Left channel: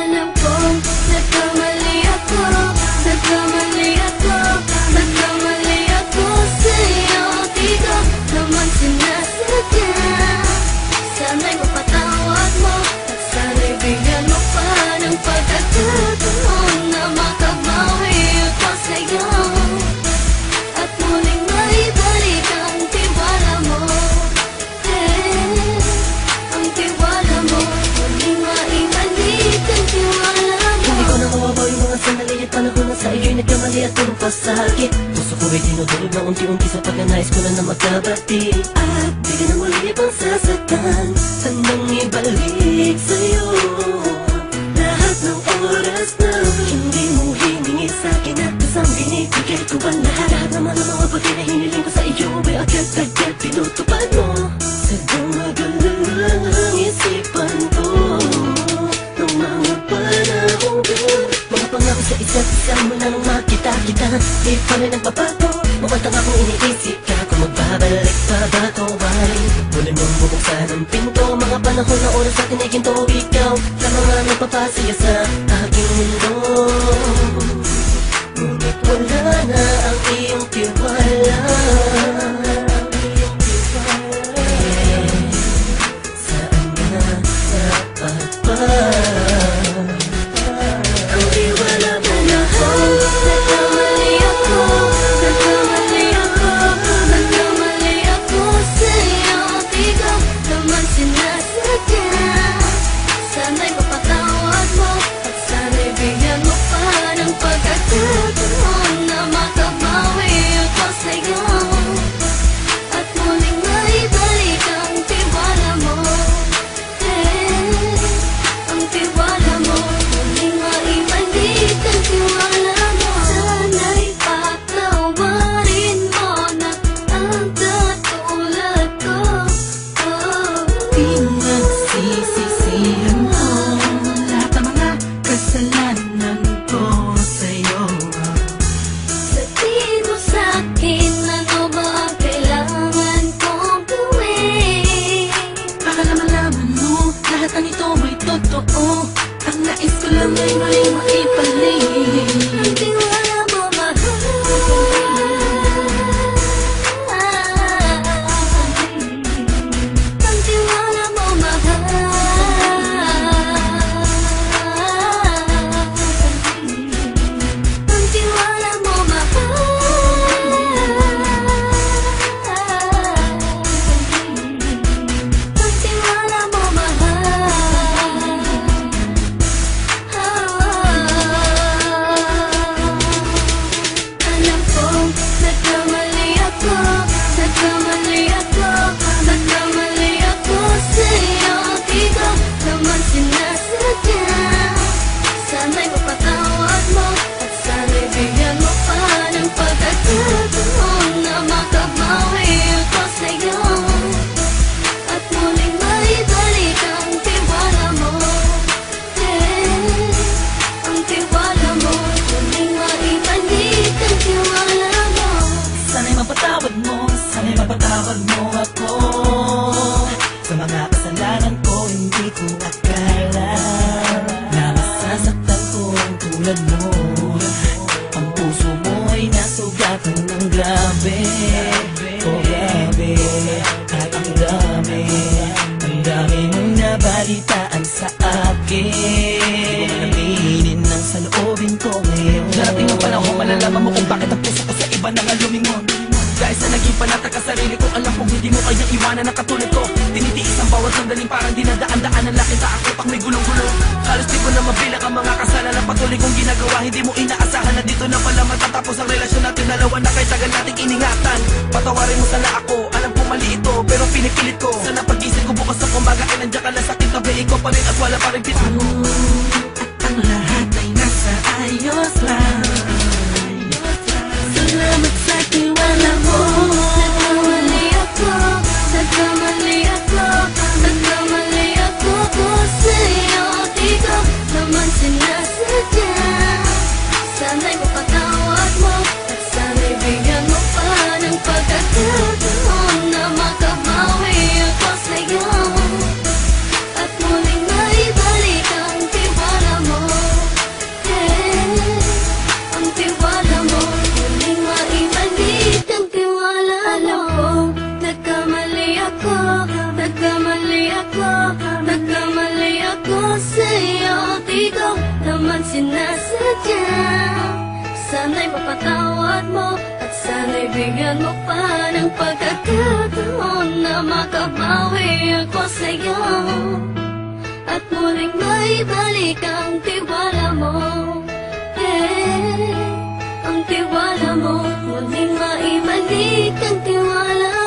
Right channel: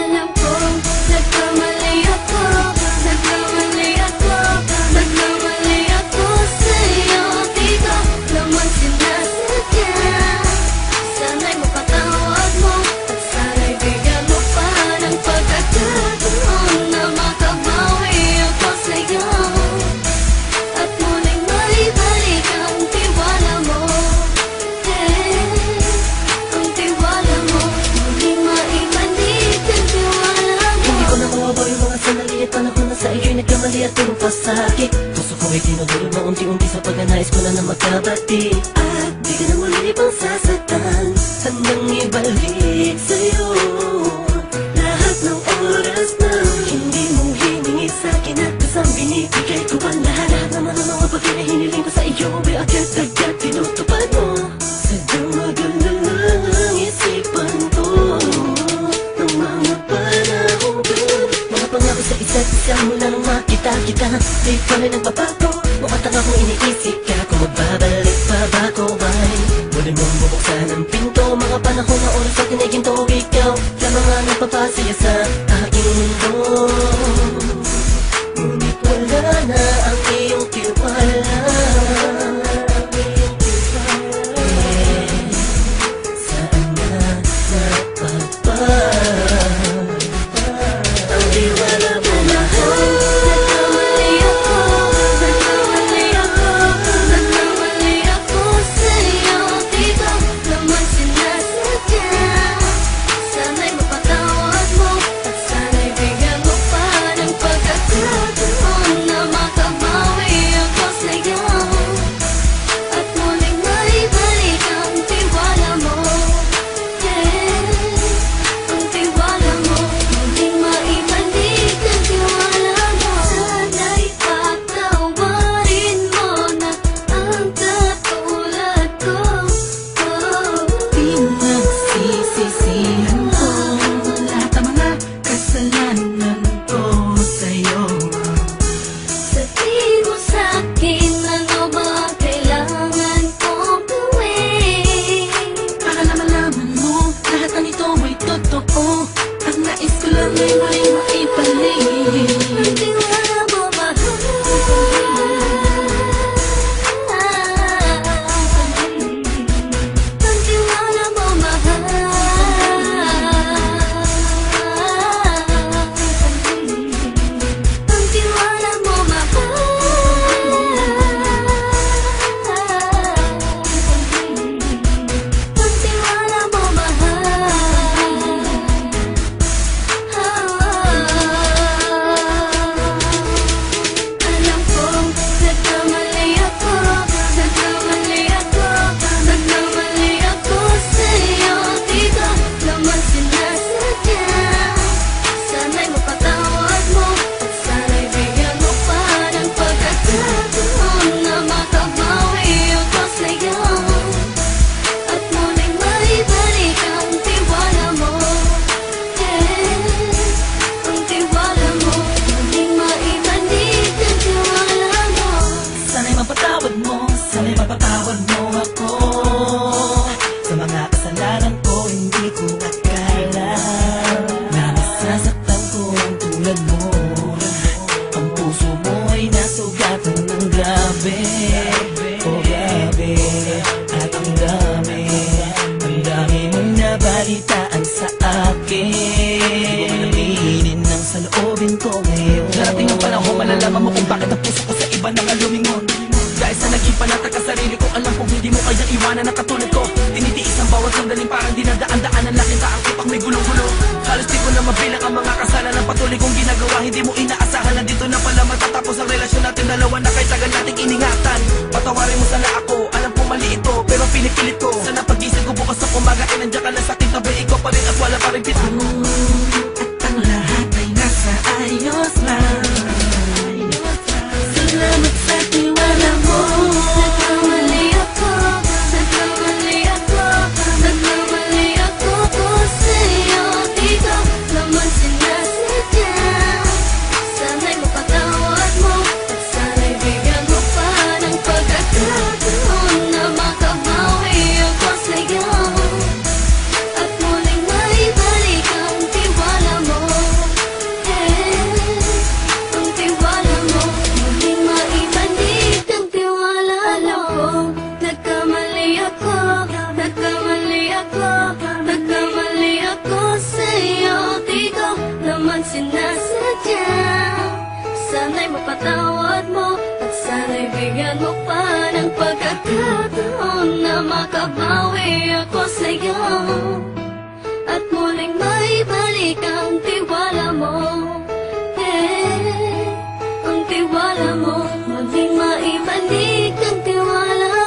Alam kong nagkamali ako, nagkamali ako, nagkamali ako sa'yo. Di ko naman sinasadya. Sana'y mapatawad mo at sana'y bigyan mo pa ng pagkakataon na makabawi ako sa'yo at muling maibalik ang tiwala mo. Ang tiwala mo, muling maibalik ang tiwala mo. Hindi ko na mawabaw yung mga sandali at panahon na sa iyo'y nagkamali at puro pasakit. Puso ko ay tinudurog na unti-unti sa pagnanais ko na magkabati. At di ka na muli pang sasaktan, handang ibalik sa'yo lahat ng oras na hindi mo hiningi sa'kin at kasang binibigay ko ang lahat. Naman ang mga bagay na hiniling ko sa iyo ay agad-agad tinutupad mo. Sadyang magalang isipan ko ng mga panahon dun. Mga pangako sa isa't isa mula nung makita kita, di pa rin nagbabago. Mapatang akong iniisip ka kung magbabalik pa ba ko ay muli mong bubuksan ang pinto. Mga panahon na oras sa tiniginto, ikaw lamang ang nagpapasaya sa aking mundo. Ngunit wala na ang iyong tiwala. Saan na napapa ang tiwala mo mahal? Nagkamali ako, nagkamali ako, nagkamali ako sa'yo. Di ko naman sinasadya. Sana'y mapatawad mo at sana'y bigyan mo pa ng pagkakataon na makabawi ako sa'yo at muling maibalik ang tiwala mo. Ang tiwala mo, muling maibalik ang tiwala mo. Sana'y patawarin mo na ang katulad ko. Pinagsisisihan ko lahat ng mga kasalanan ko sa'yo. Sabihin mo sa'kin ano ba ang kailangan kong gawin. Para malaman mo lahat ng ito ay totoo. Ang nais ko lang ay muling maibalik Ang tiwala mo mahal. Ang tiwala mo mahal. Ang tiwala mo mahal. Ang tiwala mo mahal. Alam kong nagkamali ako, nagkamali ako, nagkamali ako sa'yo. Di ko naman sinasadya. Sana'y mapatawad mo at sana'y bigyan mo pa ng pagkakataon na makabawi ako sa'yo at muling maibalik ang tiwala mo. Ang tiwala mo, muling maibalik ang tiwala mo. Sana'y mapatawad mo, sana'y mapatawad mo ako sa mga kasalanan ko. Hindi ko akala na masasaktan ko ang tulad mo. Ang puso mo ay nasugatan ng grabe, oh grabe. At ang dami mong nabalitaan sa akin. Di ko man aminin ang saloobin ko ngayon. Darating ang panahon, malalaman mo kung bakit ang puso ko sa iba nang alumingon. Dahil sa naging panatag ka sarili ko, alam kong hindi mo kayang iwanan na katulad ko. Tinitiis ang bawat sandaling parang dinadaan-daan ang lakita ang utak may gulong-gulo. Halos di ko na mabilang ang mga kasalanan patuloy kong ginagawa. Hindi mo inaasahan na dito na pala matatapos ang relasyon natin dalawa na kahit tagal nating iningatan. Patawarin mo sana ako, alam kong mali ito pero pinipilit ko. Sana pag-isip ko bukas ng umaga ay nandiyan ka lang sa aking tabi. Ikaw pa rin at wala pa rin at ang lahat ay nasa ayos lang. Salamat sa tiwala mo. Nagkamali ako, nagkamali ako, nagkamali ako sa'yo. Di ko naman sinasadya. Sana'y mapatawad mo at sana'y bigyan mo pa ng pagkakataon na makabawi ako sa'yo at muling maibalik ang tiwala mo. naman sinasadya. Sana'y mapatawad mo at sana'y bigyan mo pa ng pagkakataon na makabawi ako sa'yo at muling maibalik ang tiwala mo. Ang tiwala mo, muling maibalik ang tiwala